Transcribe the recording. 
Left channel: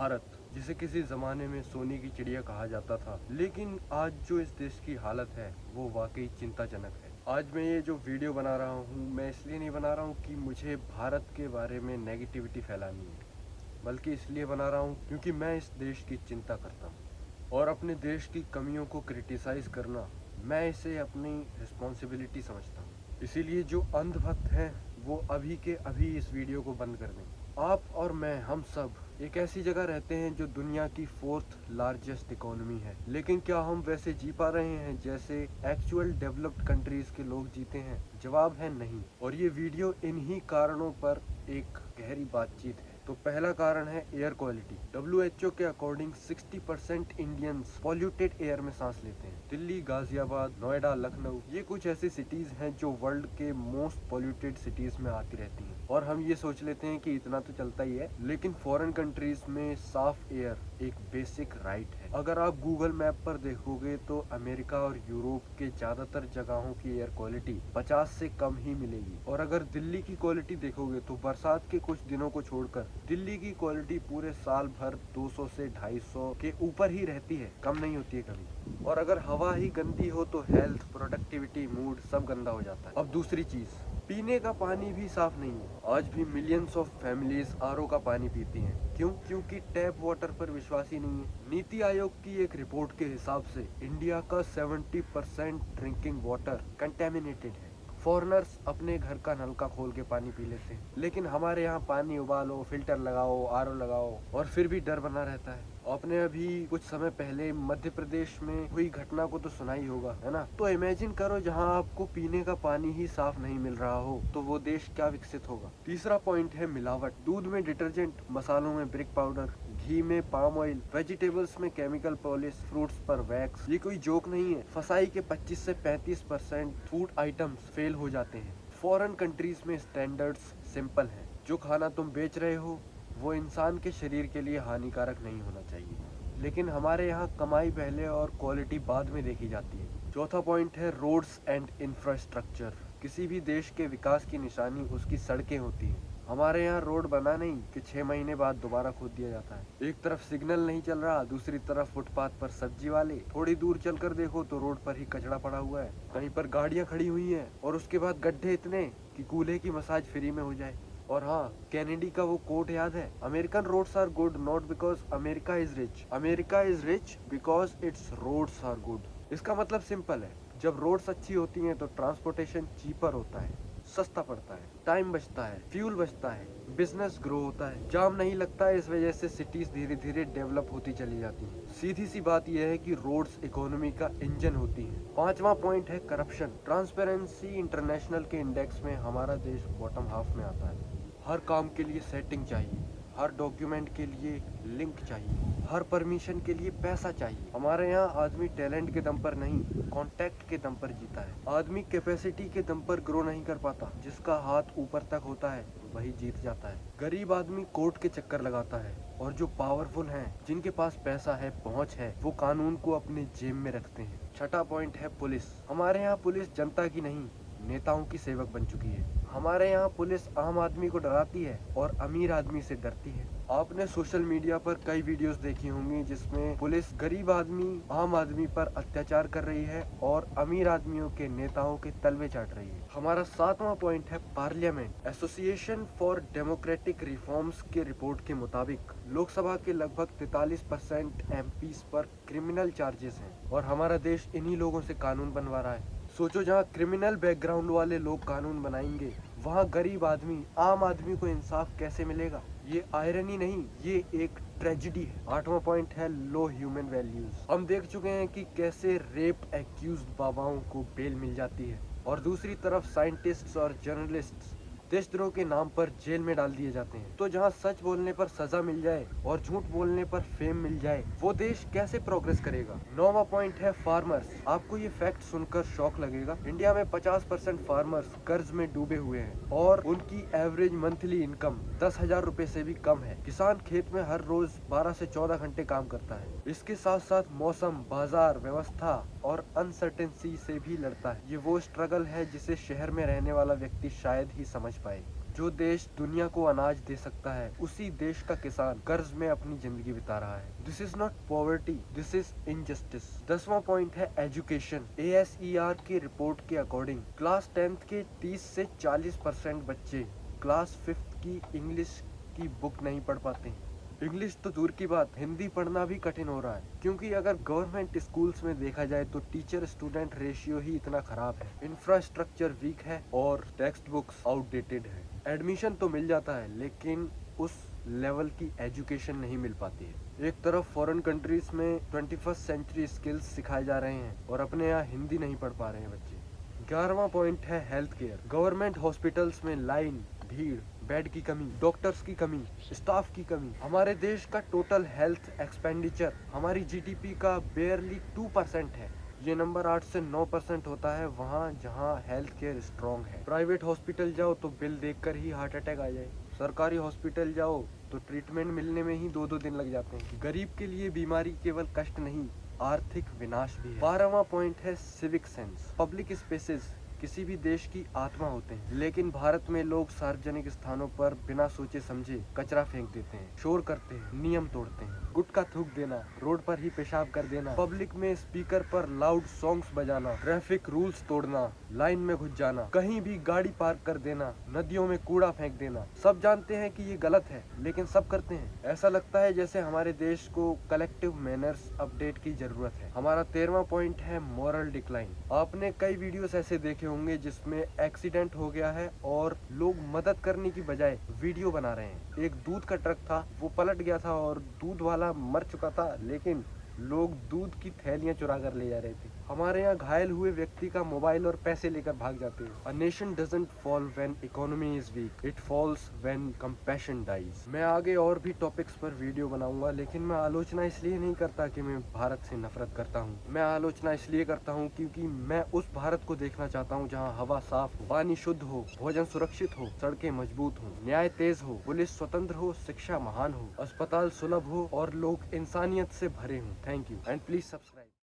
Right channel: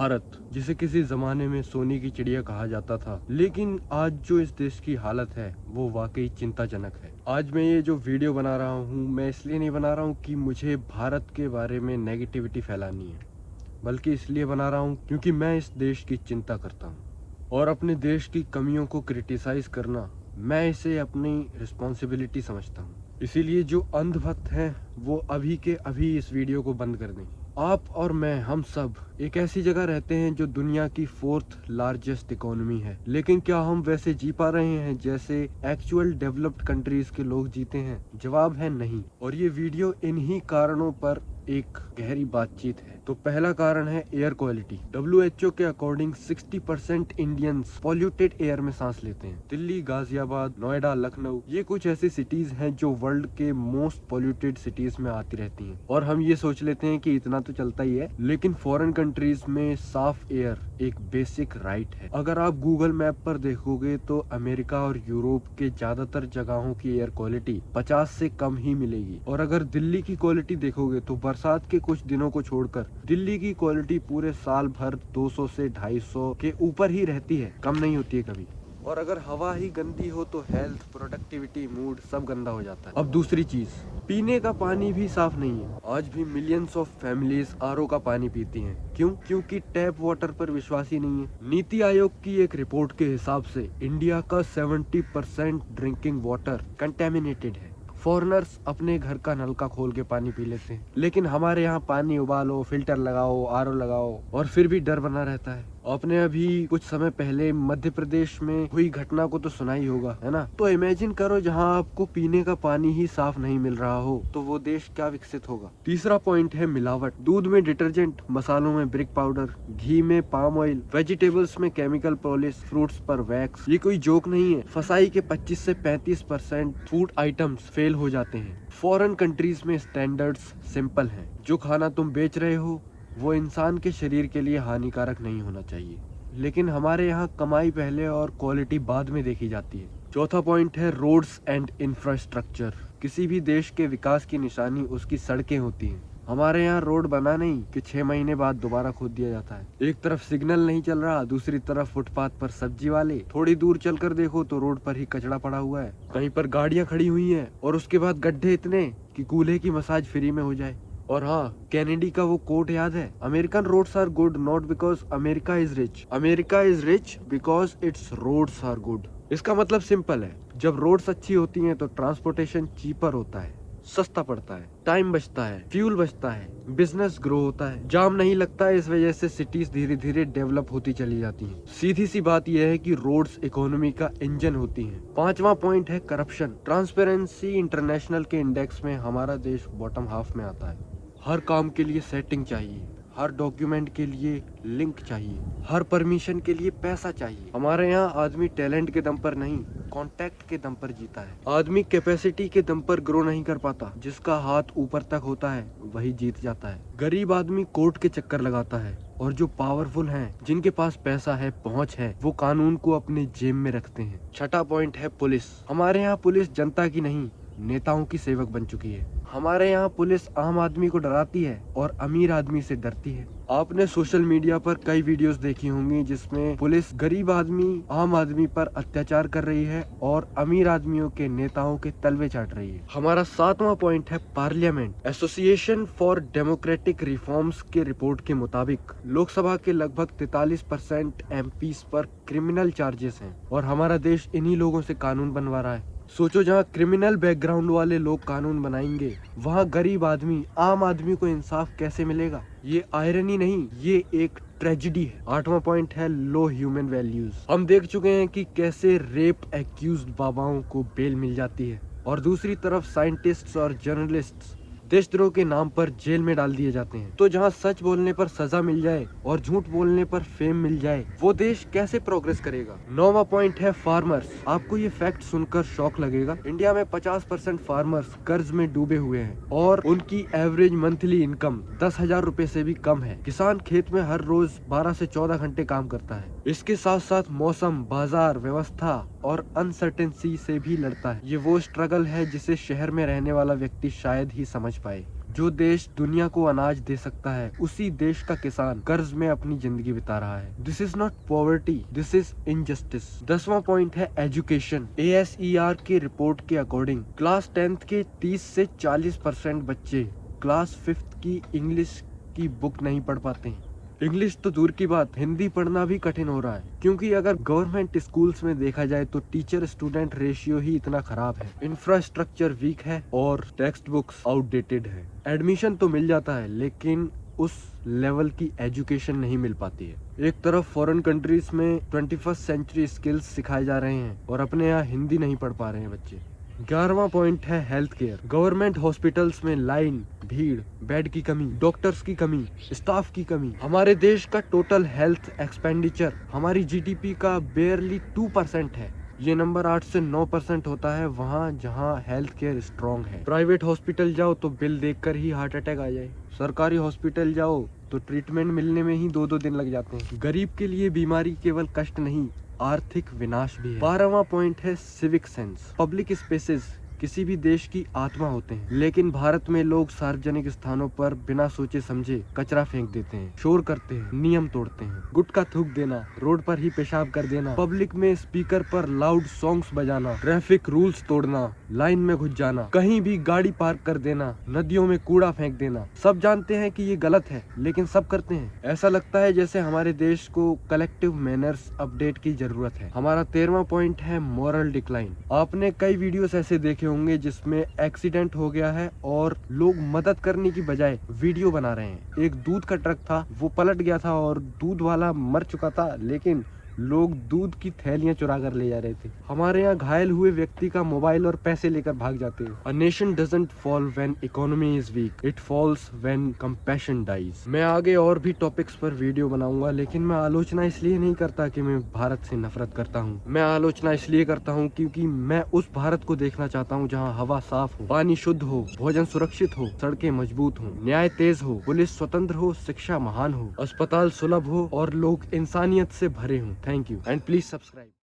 भारत, जिसे किसी जमाने में सोने की चिड़िया कहा जाता था, लेकिन आज जो इस देश की हालत है वो वाकई चिंताजनक है। आज मैं ये जो वीडियो बना रहा हूँ, मैं इसलिए नहीं बना रहा हूँ कि मुझे भारत के बारे में नेगेटिविटी फैलानी है, बल्कि इसलिए बना रहा हूँ क्योंकि मैं इस देश की चिंता करता हूँ। और अपने देश की कमियों को क्रिटिसाइज करना, मैं इसे अपनी रिस्पॉन्सिबिलिटी समझता हूँ। इसीलिए जो अंधभक्त हैं वो अभी के अभी इस वीडियो को बंद कर दें। आप और मैं, हम सब एक ऐसी जगह रहते हैं जो दुनिया की 4th लार्जेस्ट इकोनॉमी है, लेकिन क्या हम वैसे जी पा रहे हैं जैसे एक्चुअल डेवलप्ड कंट्रीज के लोग जीते हैं? जवाब है नहीं। और ये वीडियो इन्हीं कारणों पर एक गहरी बातचीत है। तो पहला कारण है एयर क्वालिटी। WHO के अकॉर्डिंग 60% इंडियंस पॉल्यूटेड एयर में सांस लेते हैं। दिल्ली, गाजियाबाद, नोएडा, लखनऊ, ये कुछ ऐसी सिटीज हैं जो वर्ल्ड के मोस्ट पॉल्यूटेड सिटीज में आती रहती हैं। और हम ये सोच लेते हैं कि इतना तो चलता ही है, लेकिन फॉरेन कंट्रीज में साफ एयर एक बेसिक राइट है। अगर आप गूगल मैप पर देखोगे तो अमेरिका और यूरोप के ज्यादातर जगहों की एयर क्वालिटी 50 से कम ही मिलेगी। और अगर दिल्ली की क्वालिटी देखोगे तो बरसात के कुछ दिनों को छोड़कर दिल्ली की क्वालिटी पूरे साल भर 200 से 250 के ऊपर ही रहती है, कम नहीं होती है कभी। और अगर हवा ही गंदी हो तो हेल्थ, प्रोडक्टिविटी, मूड सब गंदा हो जाता है। अब दूसरी चीज, पीने का पानी भी साफ नहीं है। आज भी मिलियंस ऑफ फैमिलीज आरओ का पानी पीती हैं। क्यों? क्योंकि टैप वाटर पर विश्वास ही नहीं है। नीति आयोग की एक रिपोर्ट के हिसाब से इंडिया का 70% ड्रिंकिंग वाटर कंटेमिनेटेड है। फॉरेनर्स अपने घर का नलका खोल के पानी पी लेते हैं, लेकिन हमारे यहाँ पानी उबालो, फिल्टर लगाओ, आरओ लगाओ, और फिर भी डर बना रहता है। आपने अभी कुछ समय पहले मध्य प्रदेश में हुई घटना को तो सुना ही होगा, है ना? तो इमेजिन करो, जहाँ आपको पीने का पानी ही साफ नहीं मिल रहा हो तो वो देश क्या विकसित होगा। तीसरा पॉइंट है मिलावट। दूध में डिटर्जेंट, मसालों में ब्रिक पाउडर, घी में पाम ऑयल, वेजिटेबल्स में केमिकल पॉलिश, फ्रूट्स पर वैक्स। ये कोई जोक नहीं है। फसाई के 25 से 35% फूड आइटम्स फेल हो जाते हैं। फॉरेन कंट्रीज में स्टैंडर्ड्स सिंपल हैं। जो खाना तुम बेच रहे हो वो इंसान के शरीर के लिए हानिकारक नहीं होना चाहिए, लेकिन हमारे यहाँ कमाई पहले और क्वालिटी बाद में देखी जाती है। चौथा पॉइंट है रोड्स एंड इंफ्रास्ट्रक्चर। किसी भी देश के विकास की निशानी उसकी सड़कें होती हैं। हमारे यहाँ रोड बना नहीं कि 6 महीने बाद दोबारा खोद दिया जाता है। एक तरफ सिग्नल नहीं चल रहा, दूसरी तरफ फुटपाथ पर सब्जी वाले। थोड़ी दूर चलकर देखो तो रोड पर ही कचरा पड़ा हुआ है, कहीं पर गाड़ियाँ खड़ी हुई हैं, और उसके बाद गड्ढे इतने कि कूल्हे की मसाज फ्री में हो जाए। और हाँ, कैनेडी का वो कोट याद है? American roads are good not because America is rich, America is rich because its roads are good. इसका मतलब सिंपल है, जब रोड्स अच्छी होती हैं तो ट्रांसपोर्टेशन चीपर होता है, सस्ता पड़ता है, टाइम बचता है, फ्यूल बचता है, बिजनेस ग्रो होता है, जाम नहीं लगता है। इस वजह से सिटीज धीरे धीरे डेवलप होती चली जाती हैं। सीधी सी बात यह है कि रोड्स इकोनॉमी का इंजन होती हैं। पांचवा पॉइंट है करप्शन। ट्रांसपेरेंसी इंटरनेशनल के इंडेक्स में हमारा देश बॉटम हाफ में आता है। हर काम के लिए सेटिंग चाहिए, हर डॉक्यूमेंट के लिए लिंक चाहिए, हर परमिशन के लिए पैसा चाहिए। हमारे यहाँ आदमी टैलेंट के दम पर नहीं, कॉन्टैक्ट के दम पर जीता है। आदमी कैपेसिटी के दम पर ग्रो नहीं कर पाता। जिसका हाथ ऊपर तक होता है वही जीत जाता है। गरीब आदमी कोर्ट के चक्कर लगाता है, और जो पावरफुल हैं, जिनके पास पैसा है, पहुंच है, वो कानून को अपने जेब में रखते हैं। छठा पॉइंट है पुलिस। हमारे यहाँ पुलिस जनता की नहीं, नेताओं की सेवक बन चुकी है। हमारे यहाँ पुलिस आम आदमी को डराती है और अमीर आदमी से डरती है। आपने सोशल मीडिया पर कई वीडियोस देखी होंगी जिसमें पुलिस गरीब आदमी, आम आदमी पर अत्याचार कर रही है और अमीर आदमियों के नेताओं के तलवे चाट रही है। हमारा सातवां पॉइंट है parliament. Association for democratic reforms के रिपोर्ट के मुताबिक लोकसभा के लगभग 43% एमपीज पर क्रिमिनल चार्जेस हैं, और हमारा देश इन्हीं लोगों से कानून बनवा रहा है। सोचो, जहाँ क्रिमिनल बैकग्राउंड वाले लोग कानून बनाएंगे, वहाँ गरीब आदमी, आम आदमी को इंसाफ कैसे मिलेगा? ये आयरनी नहीं, ये एक ट्रेजिडी है। आठवां पॉइंट है लो ह्यूमन वैल्यूज। हम देख चुके हैं कि कैसे रेप एक्यूज्ड बाबाओं को बेल मिल जाती है, और दूसरी तरफ साइंटिस्ट्स और जर्नलिस्ट्स देशद्रोह के नाम पर जेल में डाल दिए जाते हैं। तो जहाँ सच बोलने पर सजा मिल जाए और झूठ बोलने पर फेम मिल जाए, वो देश कैसे प्रोग्रेस करेगा? नौवां पॉइंट है फार्मर्स। आपको ये फैक्ट सुनकर शौक लगेगा, इंडिया में 50% फार्मर्स कर्ज में डूबे हुए हैं, और उनकी एवरेज मंथली इनकम 10,000 रुपए से भी कम है। किसान खेत में हर रोज 12 से 14 घंटे काम करता है। इसके साथ साथ मौसम, बाजार व्यवस्था और अनसर्टेनिटी से भी लड़ता है। ये वो स्ट्रगल है जिसे शहर में रहने वाला व्यक्ति शायद ही समझ पाए। जो देश दुनिया को अनाज दे सकता है, उसी देश का किसान कर्ज में अपनी जिंदगी बिता रहा है। This is not poverty, this is injustice. 10वां पॉइंट है एजुकेशन। ASER की रिपोर्ट के अकॉर्डिंग क्लास 10th के 30 से 40% बच्चे क्लास 5th की इंग्लिश की बुक नहीं पढ़ पाते हैं। इंग्लिश तो दूर की बात, हिंदी पढ़ना भी कठिन हो रहा है, क्योंकि अगर गवर्नमेंट स्कूल्स में देखा जाए तो टीचर स्टूडेंट रेशियो ही इतना खराब है, इंफ्रास्ट्रक्चर वीक है और टेक्स्ट बुक्स आउटडेटेड है। एडमिशन तो मिल जाता है लेकिन उस लेवल की एजुकेशन नहीं मिल पाती है। एक तरफ फॉरेन कंट्रीज में 21st सेंचुरी स्किल्स सिखाए जा रहे हैं और अपने यहाँ हिंदी नहीं पढ़ पा रहे हैं बच्चे। 11वां पॉइंट है हेल्थ केयर। गवर्नमेंट हॉस्पिटल्स में लाइन, भीड़, बेड की कमी, डॉक्टर्स की कमी, स्टाफ की कमी। हमारे देश का टोटल हेल्थ एक्सपेंडिचर हमारी GDP का बेयरली 2% है। ये नंबर 8 से 9% होता है वहाँ जहाँ हेल्थ केयर स्ट्रॉन्ग है। प्राइवेट हॉस्पिटल जाओ तो बिल देखकर ही हार्ट अटैक आ जाए, सरकारी हॉस्पिटल जाओ तो ट्रीटमेंट मिलने में ही 2-2 दिन लग जाते हैं। गरीब के लिए बीमारी केवल कष्ट नहीं, आर्थिक विनाश भी है। 12वां पॉइंट है सिविक सेंस। पब्लिक स्पेसेस किसी भी देश की आत्मा होते हैं, लेकिन भारत में लोग सार्वजनिक स्थानों पर बिना सोचे समझे कचरा फेंक देते हैं, शोर करते हैं, नियम तोड़ते हैं, गुटखा थूक देना, रोड पर ही पेशाब कर देना, पब्लिक में स्पीकर पर लाउड सॉन्ग्स बजाना, ट्रैफिक रूल्स तोड़ना, लाइन में घुस जाना, कहीं भी गाड़ी पार्क कर देना, नदियों में कूड़ा फेंक देना। सब जानते हैं कि ये गलत है, लेकिन सब करते हैं। ऐसा लगता है जैसे हमारे देश को कलेक्टिव मैनर्स अपडेट की जरूरत है। हमारा 13वां पॉइंट है मॉरल डिक्लाइन। आपने कई वीडियोस ऐसे देखे होंगे जिसमें एक्सीडेंट हो गया है और लोग मदद करने की बजाय वीडियो बना रहे हैं। एक दूध का ट्रक था, वो पलट गया था और दूध वाला मर चुका था, लेकिन लोग दूध की थैलियां चुरा कर ले जा रहे थे। हमारे यहाँ घायल हुए व्यक्ति का मोबाइल और पैसे लेकर भाग जाते हैं। A nation doesn't fall when economy is weak, it falls when compassion dies। मैं आगे और भी टॉपिक्स पर वीडियो बनाऊंगा, लेकिन मैं आलोचना इसलिए नहीं करता कि मैं भारत से नफरत करता हूँ। मैं आलोचना इसलिए करता हूँ क्योंकि मैं उस भारत को देखना चाहता हूँ जहाँ हवा साफ हो, पानी शुद्ध हो, भोजन सुरक्षित हो, सड़कें मजबूत हो, न्याय तेज हो, पुलिस स्वतंत्र हो, शिक्षा महान हो, अस्पताल सुलभ हो और लोग इंसानियत से भरे हों। Thank you and please subscribe।